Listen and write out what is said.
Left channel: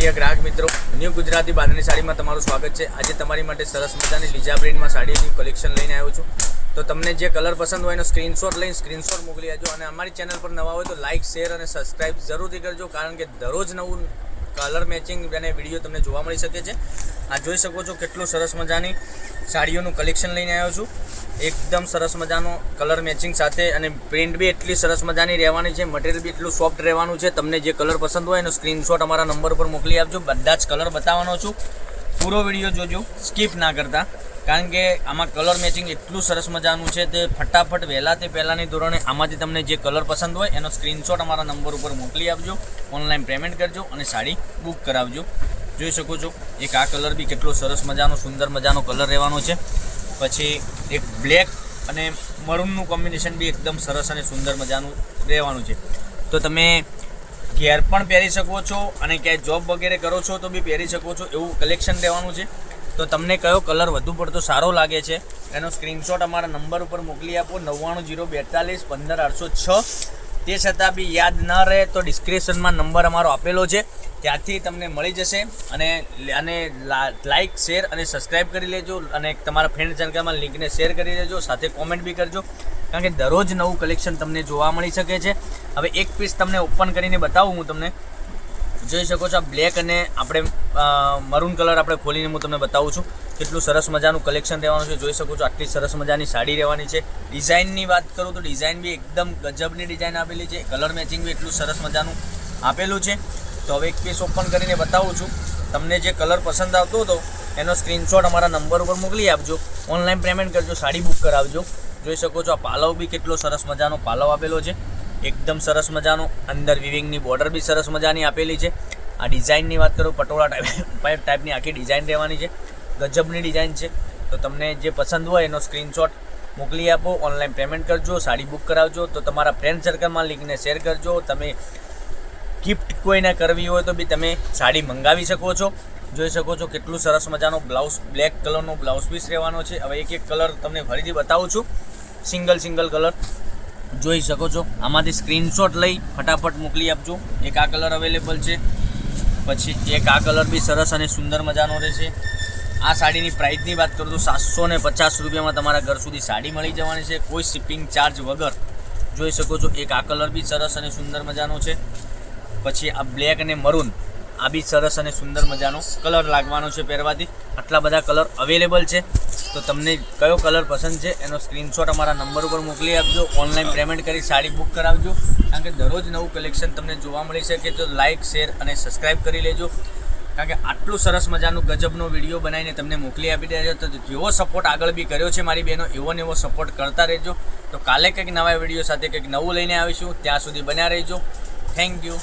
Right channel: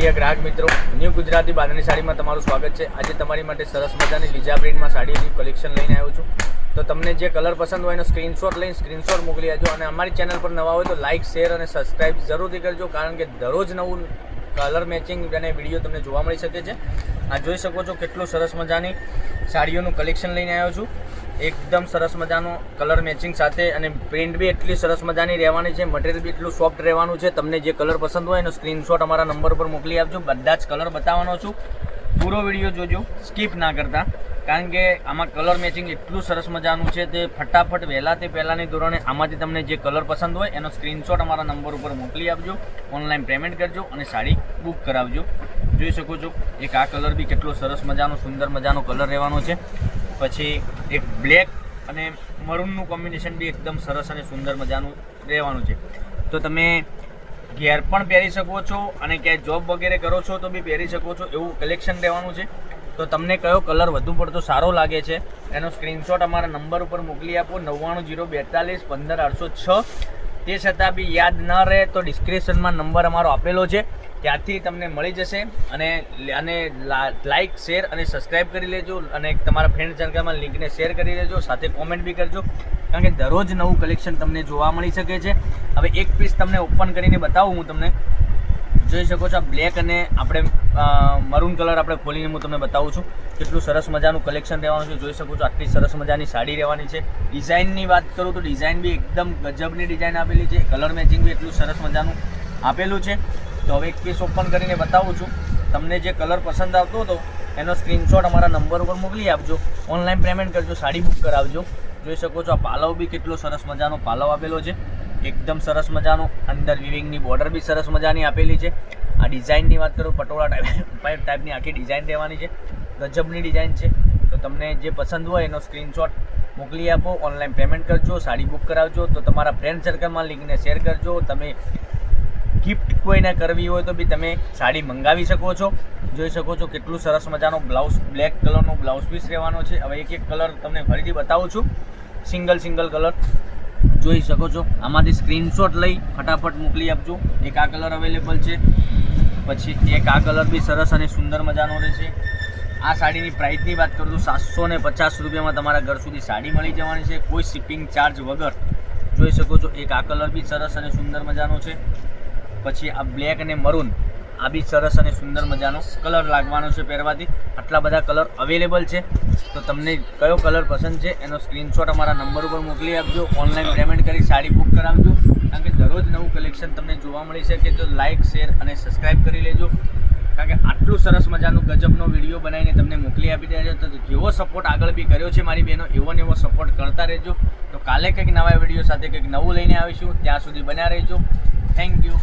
પ્રિય ગ્રાહક મિત્રો, ન્યૂ ગુજરાતી બાંધણી સાડીમાં તમારું સ્વાગત છે। આજે તમારી માટે સરસ મજાની લીજા પ્રિન્ટમાં સાડીની કલેક્શન લઈને આવ્યો છું। તો તમને જે કલર પસંદ હોય એનો સ્ક્રીનશોટ લઈને સ્ક્રીનશોટ મોકલી આપજો અને અમારી ચેનલ પર નવા હોય તો લાઇક, શેર અને સબસ્ક્રાઇબ જરૂરથી કરજો, કારણ કે દરરોજ નવું કલર મેચિંગ અને વિડીયો તમને જોવા મળી શકે છે। આ જોઈ શકો છો કેટલું સરસ મજાની સાડીઓનું કલેક્શન લઈને આવ્યો છું। એકદમ સરસ મજાનો કલર મેચિંગ સાથે અને પ્રિન્ટ બી એટલી સરસ મજાની રહેવાની છે, મટીરિયલ બી એટલું સોફ્ટ રહેવાનું છે। તમને જે કલર પસંદ હોય એનો સ્ક્રીનશોટ અમારા નંબર પર મોકલી આપજો। બધા જ કલર બતાવવાનો છું, પૂરો વિડીયો જોજો, સ્કીપ ના કરતા, કારણ કે આમાં કલર મેચિંગ એટલું સરસ મજાનું છે તે ફટાફટ વહેલા તે પહેલાંની ધોરણે આમાંથી તમને જે કલર પસંદ હોય એનો સ્ક્રીનશોટ અમારા નંબર ઉપર મોકલી આપજો, ઓનલાઈન પેમેન્ટ કરજો અને સાડી બુક કરાવજો। જોઈ શકો છો એક આ કલર બી કેટલો સરસ મજાનો સુંદર મજાનો કલર રહેવાનો છે। પછી એક બ્લેક અને મરૂનનું કોમ્બિનેશન બી એકદમ સરસ અને સુંદર મજાનું રહેવાનું છે। તો તમે ઘેર પણ પહેરી શકો છો અને ક્યાંય જોબ વગેરે કરો છો તો બી પહેરી શકો છો, એવું કલેક્શન રહેવાનું છે। તો તમને કયો કલર વધુ પડતો સારો લાગે છે એનો સ્ક્રીનશોટ અમારા નંબર ઉપર મોકલી આપો 9902415806। તે છતાં બી યાદ ન રહે તો ડિસ્ક્રિપ્શનમાં નંબર અમારો આપેલો છે, ત્યાંથી તમને મળી જશે અને લાઇક, શેર અને સબસ્ક્રાઈબ કરી લેજો અને તમારા ફ્રેન્ડ સર્કલમાં લિંકને શેર કરી દેજો, સાથે કોમેન્ટ બી કરજો, કારણ કે દરરોજ નવું કલેક્શન તમને જોવા મળી શકે છે। હવે એક પીસ તમને ઓપન કરીને બતાવું હું તમને। જોઈ શકો છો આ બ્લેક અને આપણે મરૂન કલર આપણે ખોલીને હું તમને બતાવું છું કેટલું સરસ મજાનું કલેક્શન રહેવાનું છે। જોઈ શકો છો આટલી સરસ મજાની સાડી રહેવાની છે। ડિઝાઇનની વાત કરું તો ડિઝાઇન બી એકદમ ગજબની ડિઝાઇન આપેલી છે, કલર મેચિંગ બી એટલું સરસ મજાનું આપેલું છે। તો હવે એક પીસ ઓપન કરીને બતાવું છું। તમને જે કલર પસંદ આવતો હતો એનો સ્ક્રીનશોટ અમારા નંબર ઉપર મોકલી આપજો, ઓનલાઈન પેમેન્ટ કરજો, સાડી બુક કરાવજો। જોઈ શકો છો આ પાલવ બી કેટલો સરસ મજાનો પાલવ આપેલો છે, એકદમ સરસ મજાનું, અંદર વિવિંગની બોર્ડર બી સરસ મજાની આપેલી છે। આ ડિઝાઇનની વાત કરું પટોળા ટાઈપની આખી ડિઝાઇન રહેવાની છે, ગજબની ડિઝાઇન છે। તો તમને જે પસંદ હોય એનો સ્ક્રીનશોટ મોકલી આપો, ઓનલાઈન પેમેન્ટ કરજો, સાડી બુક કરાવજો। તો તમારા ફ્રેન્ડ સર્કલમાં લિંકને શેર કરજો। તમે ગિફ્ટ કોઈને કરવી હોય તો બી તમે સાડી મંગાવી શકો છો। જોઈ શકો છો કેટલું સરસ મજાનો બ્લાઉઝ, બ્લેક કલરનો બ્લાઉઝ પીસ રહેવાનો છે। હવે એક એક કલર તમને ફરીથી બતાવું છું, સિંગલ કલર જોઈ શકો છો। આમાંથી સ્ક્રીનશોટ લઈ ફટાફટ મોકલી આપજો। એક આ કલર અવેલેબલ છે, પછી એક આ કલર બી સરસ અને સુંદર મજાનો રહેશે। આ સાડીની પ્રાઇસની વાત કરું તો 750 રૂપિયામાં તમારા ઘર સુધી સાડી મળી જવાની છે, કોઈ શિપિંગ ચાર્જ વગર। જોઈ શકો છો એક આ કલર બી સરસ અને સુંદર મજાનો છે। પછી આ બ્લેક અને મરૂન, આ બી સરસ અને સુંદર મજાનો કલર લાગવાનો છે પહેરવાથી। આટલા બધા કલર અવેલેબલ છે, તો તમને કયો કલર પસંદ છે એનો સ્ક્રીનશોટ અમારા નંબર ઉપર મોકલી આપજો, ઓનલાઈન પેમેન્ટ કરી સાડી બુક કરાવજો, કારણ કે દરરોજ નવું કલેક્શન તમને જોવા મળી શકે। તો લાઇક, શેર અને સબસ્ક્રાઈબ કરી લેજો, કારણ કે આટલું સરસ મજાનું ગજબનો વિડીયો બનાવીને તમને મોકલી આપી રહ્યા છે। તો જેવો સપોર્ટ આગળ બી કર્યો છે મારી બહેનો, એવો ને એવો સપોર્ટ કરતા રહેજો। તો કાલે કંઈક નવા વિડીયો સાથે કંઈક નવું લઈને આવીશું, ત્યાં સુધી બન્યા રહેજો। Thank you.